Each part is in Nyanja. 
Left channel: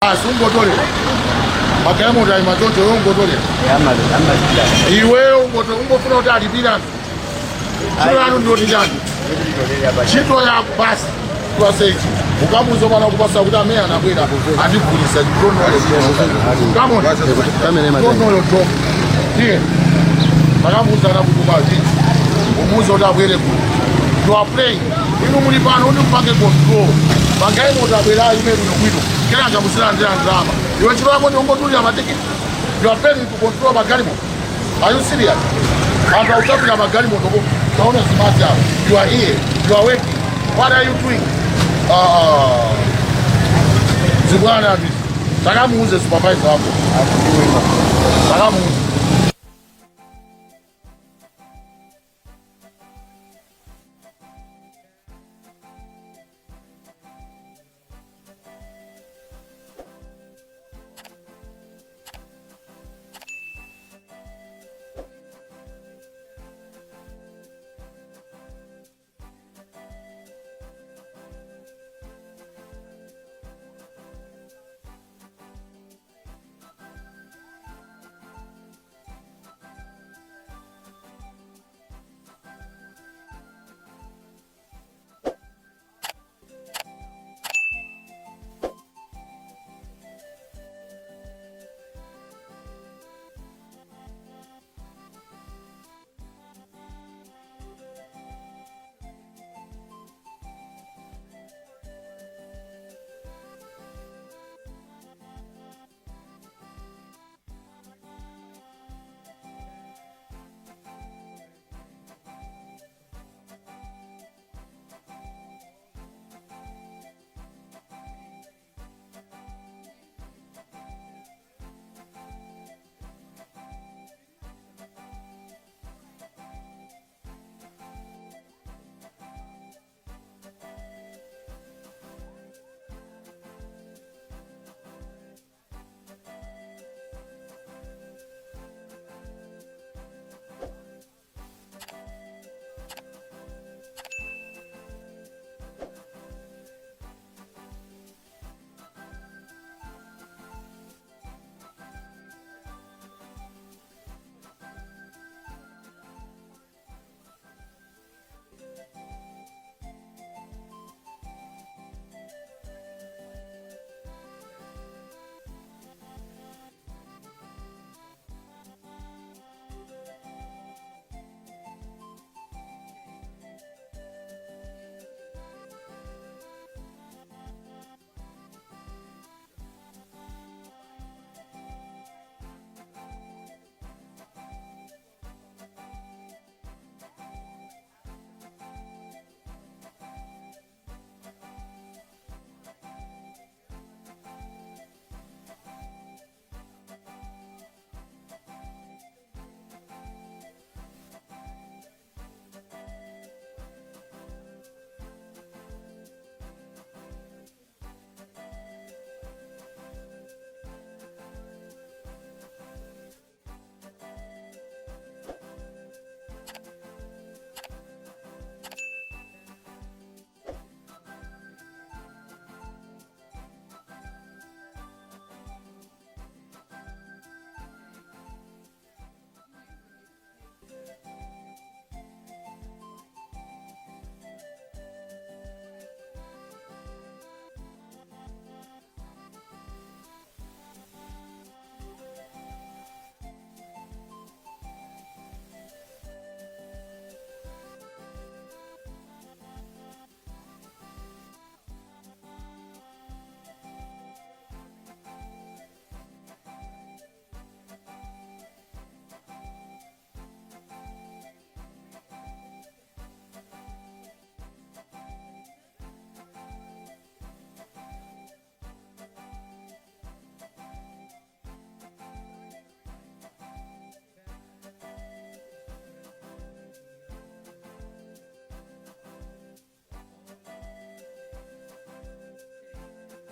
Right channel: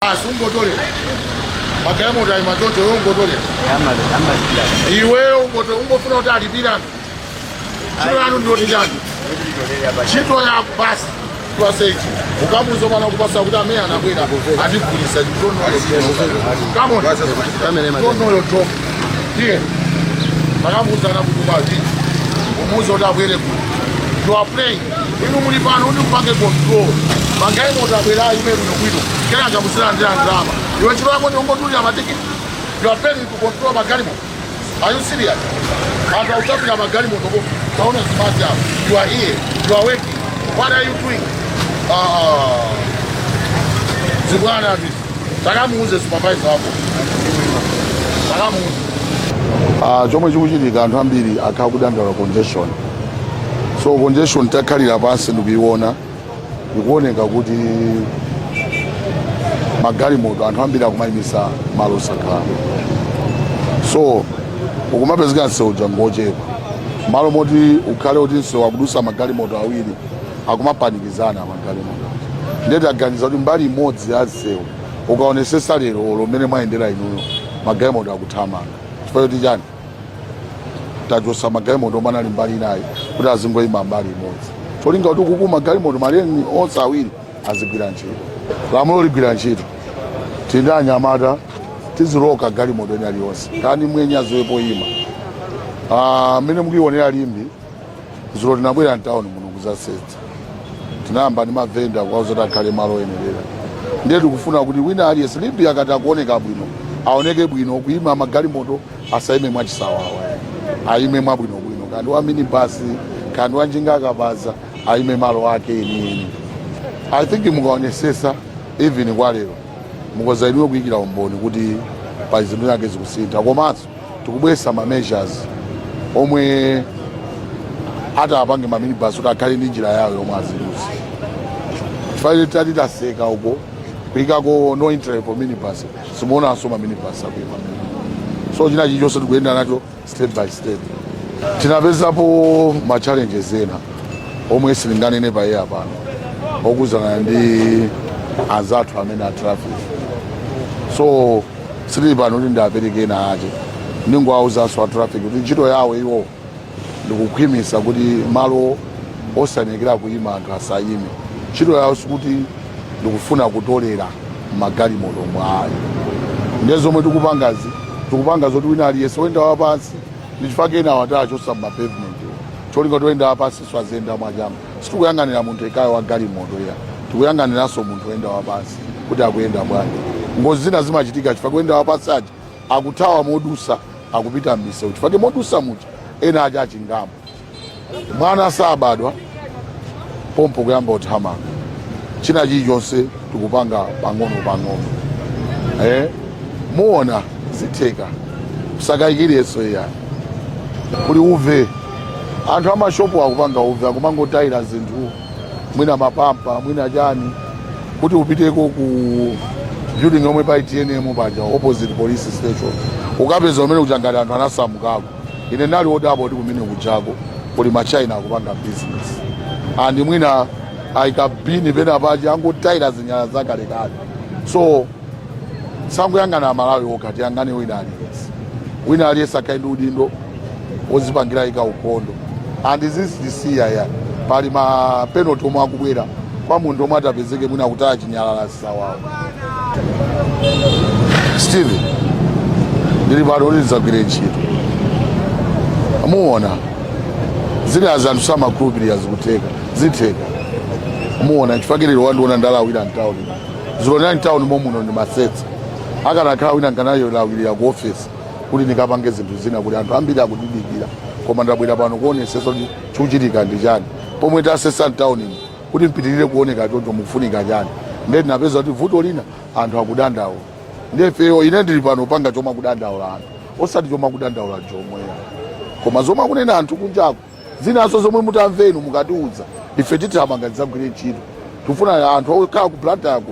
Sungotole. Magalimoto ayi machotsa ungotole. Iwe ungofuna kuti alipira. Chiro anu ndoti chani? Chito ya basi twasechi. Ukamuzo mana kupasa kuti amene anabwera andivulisa chidono wale. Come on. Don't your drop. Here. Makamuza na kuti bazi. Umuzo kuti abwere ku. You are playing. Inu muli pano undi mpange control. Magalimoto abwera ime bwino bwino. Kera ngamusira ndira ndrama. Iwe chiro yako ndongotulira matikiti. You are paying to control magalimoto. Are you serious? And I'll talk about galimoto. You are here. You are working. What are you doing? Zibwana this. Takamuze supervisor hapo. Takamuze. Chomwe chikuchitika anthu ambiri akakudandala congestion. So congestion takalira pansi ndikuiona. Ikuoneka kuti magalimoto anthu ambiri akumayimisa malo sakhala. So ukumapezeka msewu jangochepa. Malo moti ukhale kuti msewu akudusa magalimoto awiri akumapanikizana magalimoto. Ndeti aganiza kuti mbali imodzi ya msewu ukaonesesa lero lomene mwayendera inuyo magalimoto akuthamanga. Chifukwa choti chani? Tachosa magalimoto omwe ali mbali inayi kuti azingoyima mbali imodzi. Cholinga kuti kuku magalimoto maleni onse awiri azigwira ntchito. Lamulo ligwira ntchito. Tindi anyamata tiziloka galimoto eni aliyonse. Kani mwenye azowepo ima. Mene mukionera limbi zulo tinabwera mtawuni muno kuzasetsa. Tinayamba ndi mavenda kwauzoti akhale malo oyenerera. Ndiye tikufuna kuti wina aliyense limbi akati akuoneka bwino aoneke bwino kuima magalimoto asayime mwachisawawa. Ayime mwabwinobwino. Kandi wa minibasi kandi wa njinga akabaza ayime malo ake eni. I think mukaonesesa even kwa lero mukozainiwe kuyikira umboni kuti pa zinthu zake zikusintha. Komanso tikubwesa ma measures omwe apange ma minibus kuti akhale ndi njira yawo yomwe azidusa. Chifukwa tati taseka uko kuyikako no entry for minibus simuonanso ma minibus akuima. So china chilichonse tikuyenda nacho step by step. Tinapezapo ma challenges ena omwe silinganene pa air pano okuzana ndi azathu amene a traffic. So sili pano kuti ndapereke ena ache ndingoawuzanso a traffic kuti ntchito yawo iwo ndikukhwimisa kuti malo osanekera kuyima anthu asayime. Ntchito yawo sikuti ndikufuna kutolera magalimoto mwayi. Ndiye zomwe tikupanga zoti wina aliyense woyenda wapansi ndichifake ena watachosa mapavement. Cholinga toyenda wapansi swazenda mwachama. Sitikuyang'anira munthu ekayo wa galimoto ya. Tikuyang'aniranso munthu woyenda wapansi kuti akuyenda bwanji. Ngozi zina zimachitika chifukwa kuyenda wapansi aja akuthawa modusa akupita m'misewu. Chifukwa modusa mucha ena aja achingamo. Mwana sabadwa pompo kuyamba uthamanga. China chilichonse tikupanga pang'ono. Muona zitheka kusakayikireso ya kuli uve anthu amashopu akupanga uve akumangotayira zinthu mwina mapampa mwina chani kuti upiteko ku building yomwe pa ITNM paja opposite police station ukapeza umene kuchangati anthu anasamukako. Ine nali odabo kuti kumene kuchako kuli machina akupanga business andi mwina ayikabini pena paja angotayira zinyala zakalekale. So sanguyang'ana Malawi okati yang'ane wina aliyense akaenda udindo ozipangira ika ukondo. And zizisiya ya pali ma penalty omwe akubwera kwa munthu omwe atapezeke mwina kutaya chinyalala sawawo. Steve ndili pano ndizagwire ntchito. Muona zile azanthu samakhulupirira zikuteka zitheka. Muona chifakiriro wandiona ndalawira mtawuni zilonera mtawuni momuno ndi masetsa akanakhala wina nkanayo lawirira ku office kuti ndikapange zinthu zina kuti anthu ambiri akudidikira. Koma ndabwera pano kuonesesa kuti chikuchitika ndi chani pomwe tasesa mtawuni kuti mpitirire kuoneka choncho mukufunika chani. Ndiye tinapeza kuti vuto lina anthu akudandaula. Ndiye feyo ine ndili pano panga chomwe akudandaula anthu osati chomwe akudandaula Jomwe. Koma zomwe akunena anthu kunjako zinaso zomwe mutamvenu mukatiudza ife titamanga tidzagwire ntchito. Tifuna anthu okhala ku Blantyre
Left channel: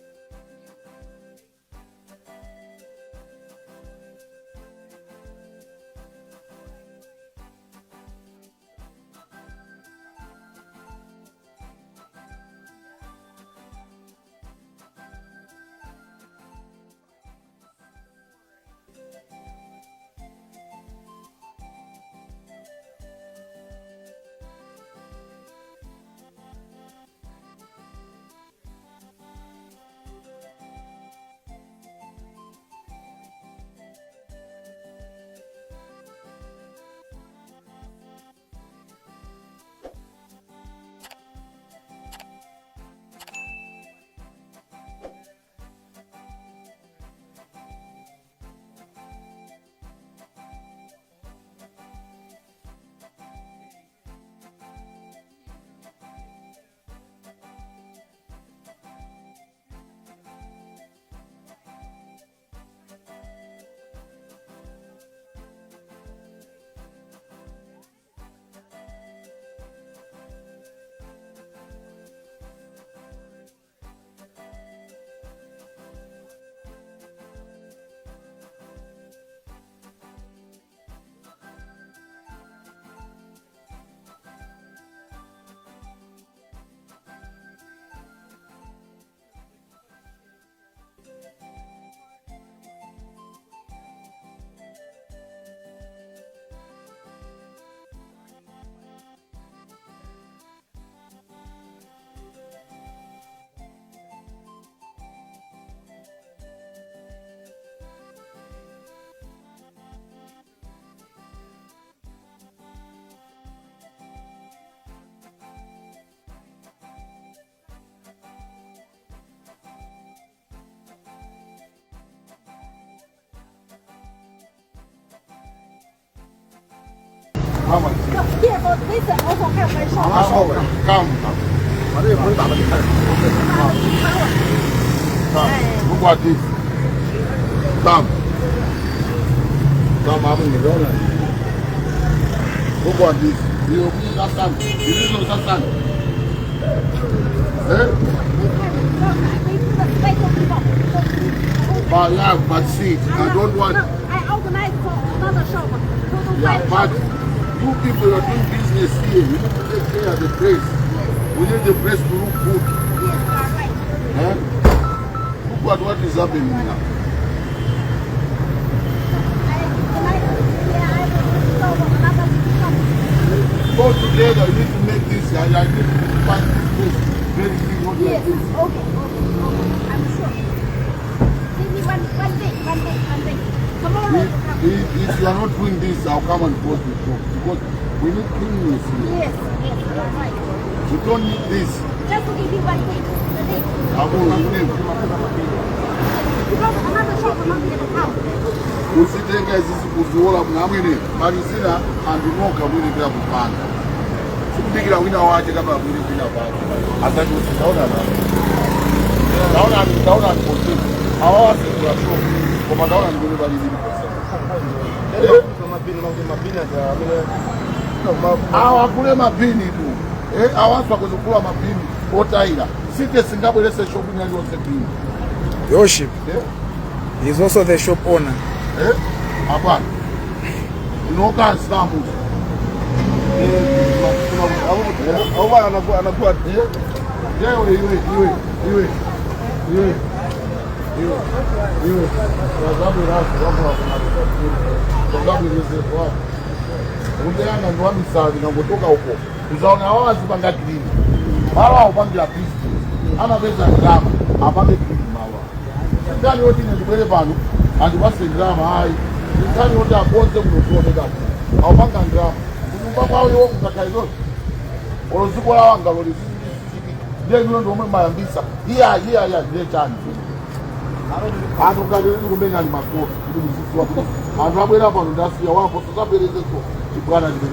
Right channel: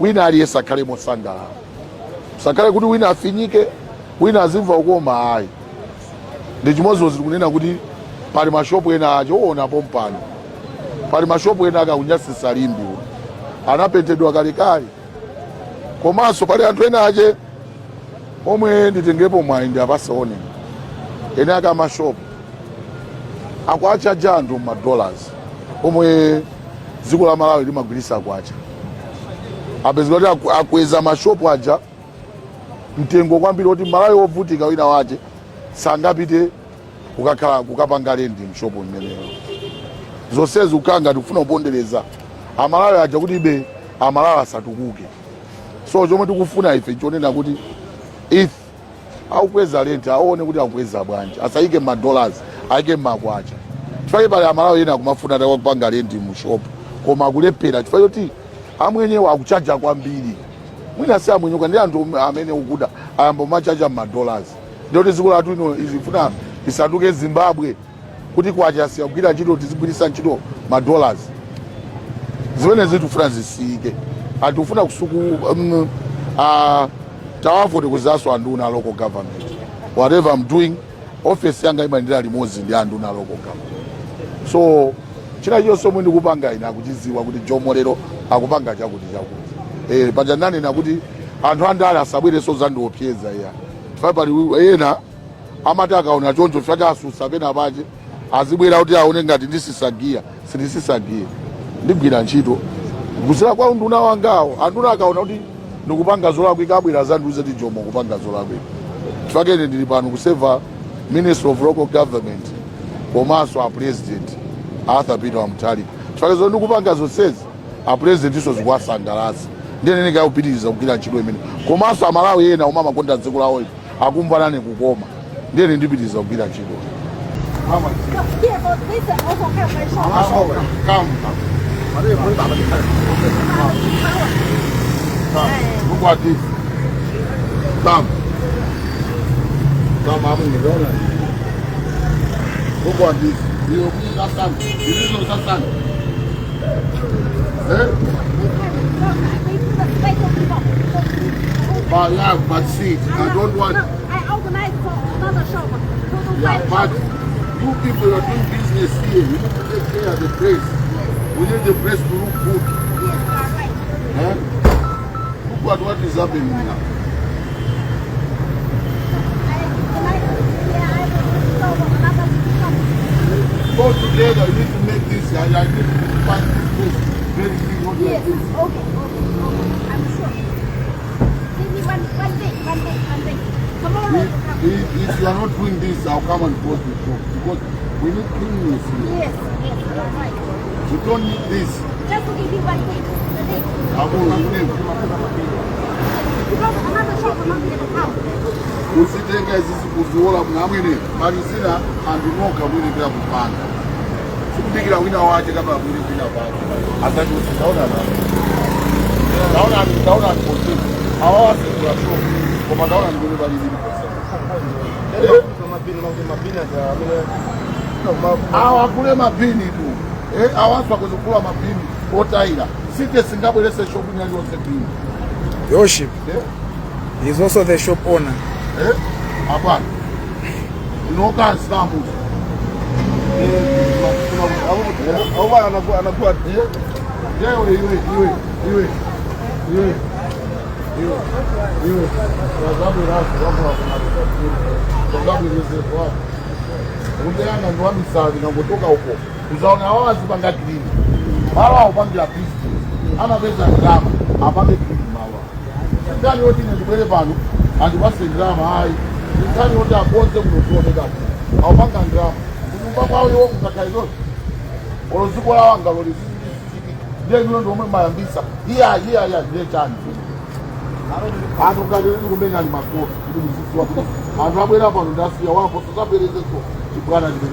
wina aliyense akhale mosangalala. Sakhale kuti wina afinyike wina azimva ukoma ayi. Ndi chimodzi tikunena kuti pali mashopu ena achoona pompano pali mashopu ena akakunyasisa limbi anapentedwa kalekale komanso pali anthu ena ache omwe nditengepo mwayi ndi apasaone ene aka amashopu akuachaja anthu $, omwe dziko la Malawi limagwirisa akuacha apezeka kuti akweza mashopu aja mtengo kwambiri kuti Malawi wovutika wina wache sangapite kukapanga lendi mshopu mmeneyo zonsezi ukanga tikufuna kupondereza amalawi aja kuti ibe amalawi asatukuke. So chomwe tikufuna ife chonena kuti if aukweza lenti aone kuti akweza bwanji asayike $, ayike makwacha chifukwa pale amalawi ena kumafuna kupanga lendi mushopu koma akulephera chifukwa choti amwenyewo akuchaja kwambiri mwina si amwenyewo ndi anthu amene ukuda ayamba machaja $. Ndiyoti dziko lathu ino izifuna isatuke Zimbabwe kuti kwacha siyagwira ntchito tizigwirisa ntchito $. Zimene zitufuna zisiyike atufuna kusuku tawafoti kuzaso anduna local government whatever I'm doing office yanga imayendera limodzi ndi anduna local government. So china chonse omwe ndikupanga ine akuchiziwa kuti Jomo lero akupanga chakuti paja ndanena kuti anthu andale asabwereso zandiopseza iya chifukwa pali ena amati akaona choncho chifukwa asusa pena pache azibwera kuti aone ngati ndisisagiya sindisisagiye ndigwira ntchito kuzira kwa nduna wangawo anduna akaona kuti ndikupanga zolakwika abwera zandiuze kuti Jomo kupanga zolakwika chifukwa ine ndili pano kuseva Minister of Local Government komanso a President Arthur Peter Wamutali chifukwa zo ndikupanga zonsezi a President iso zikuwasangalatsa ndiye nene kayopitiriza kugwira ntchito imene komanso amalawi ena omwe amakonda dziko lawo akumva nane kukoma ndiye ndipitiriza kugwira ntchito. Here, but this also have my shoulder. Come. Look at this. Come. Come, I'm in the donor. Look at this. You understand? You don't understand? But yeah, but see, I don't want. I organize for another shop. Yeah, but you people are doing business here. You need to take care of the place. We need the place to look good. Yes, you are right. Look at what is happening now. Go together, you need to make this. I need to find this place very clean. Yes, okay. I'm sure. Give me one day. Tomorrow. If you are not doing this, I'll come and close the shop because we need cleanliness here. Yes, you are right. You don't need this. Just to give you one day. I won't name. Because another shop will not be able to come. Usitenga hizi kuziona mnamwini malizina andinoka mwini bila kupanga sikudikira wina wache kama mwini bila kupanga asante usitaona naona ni hawa si wa show kwa naona ni ngine bali hivi hawa kule mapini tu hawa swa kuzukula mapini otaira site singabwelese shop ni ndio sekini Worship. He is also the shop owner. Hapana. Unoka stampu. Au anakuwa iwe. Sababu kwa ungeanga ndo amisavi na kutoka huko. Uzaona wazi panga kilini. Mara upangira pisti. Ana pesa drama, apange kilini mawa. Ndani wote ni ndibele pano. Andi basi drama hai. Ndani wote aponze mnotone gapo. Awapanga drama. Kumbapa wao wao mtakaizo. Olozuko la wanga loli. Ndiye ndo omwe mayambisa. Iya ndiye chani. Ando kale kumenya ni makoti. Ndi msisi wapo. Ando abwera pano ndasiya wapo tusapereze ko. Chibwana ndibele.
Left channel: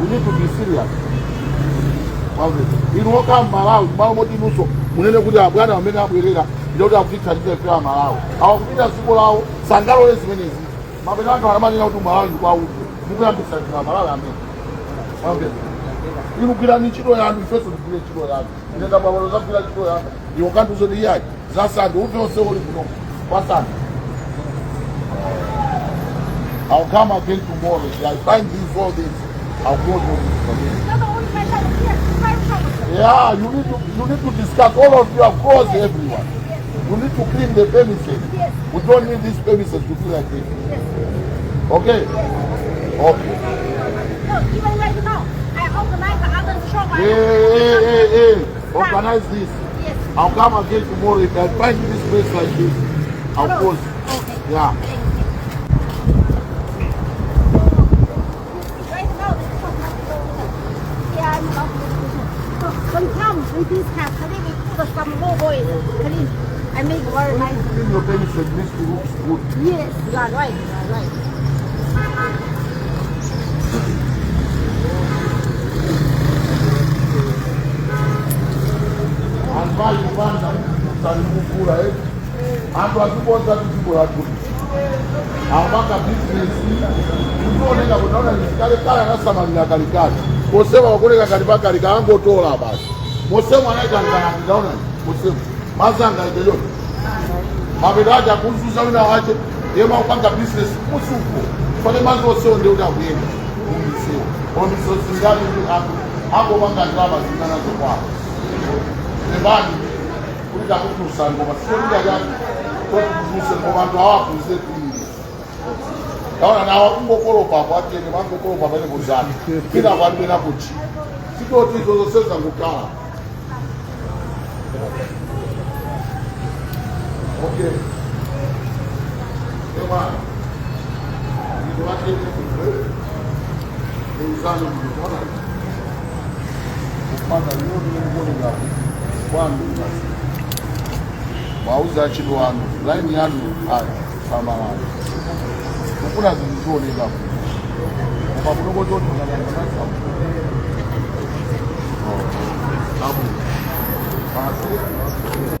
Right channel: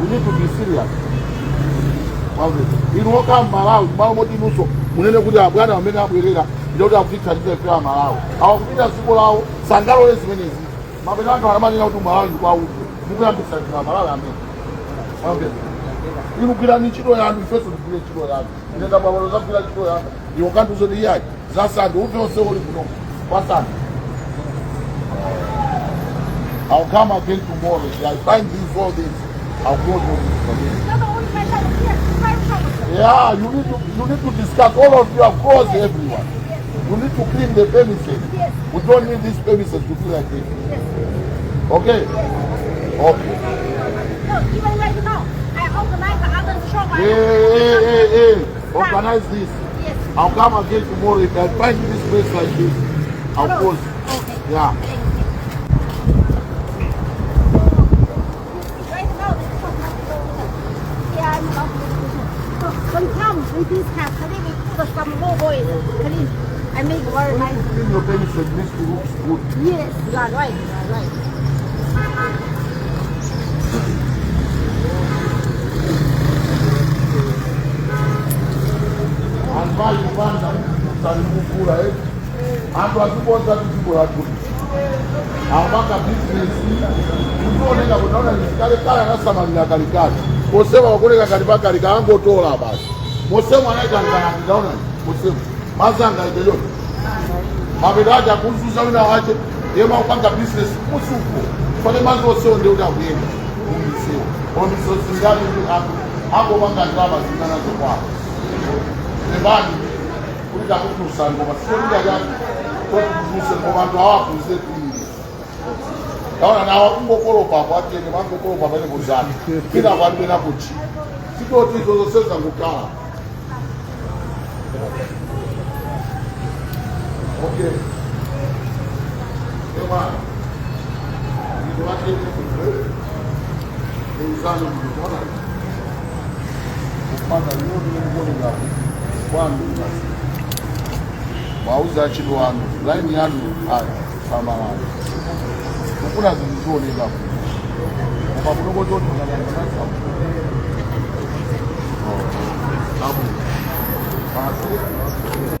We need to be serious. Wawe. Inoka Malawi, malo moti nuso. Munene kuti abwana amene abwerera. Ndio akufika ndiye kwa Malawi. Awakupita siko lao sangalo lezi menezi. Mabena watu wanamanena kuti Malawi kwa huko. Mukuyambisa kwa Malawi amene. Wawe. Inukira ntchito yanu ifeso ndikule ntchito yanu. Nenda babalo zakula ntchito yanu. Ndiyo kantu zodi yayi. Zasande uvose uli kuno. Wasande. I'll come again tomorrow. I find these all this. I'll go to this. Yeah, you need to discuss all of you across everyone. You need to clean the premises. Yes. We don't need these premises to be like this. Yes. Okay? Okay. No, even right now, I organize other shop. Hey. Organize this. Yes. I'll come again tomorrow. If I find this place like this, I'll post. Okay. Yeah. Right now, yeah, sometimes we do have clean, we put some more oil, clean. I make very nice. Clean your premises, this looks good. Yes, you are right, you are right. Anvaji kwanza mtalikukula antu akiponza tuzibo la kuti ambaka business kuoneka kunaona nisikale kala nasamalira kalikali kosema wakoleka kalipaka likaangotola basi mosema anaita ndaona mosema mazanga idelo mabedaja kuzuza wina wache yema upanga business musuko pale mazo sio ndio utakuyenda umiseo omiso singali hapo wanga drama zinazo kwa Nebani, kuja kukusa ngoma sio ndio gani? Kwa kukusa ngoma ndo hapo zetu. Naona na wakungo kolo papa ati ni wango kolo papa ni buzani. Kila watu na kuchi. Siko tizo zose za ngukala. Okay. Ewa. Ni watu ni uzani mkona. Kupanda leo ni ngoni ngapi? Kwangu basi wauza chini wangu line yangu haya kama haya kuna zingine hapo kwa sababu ndio sababu basi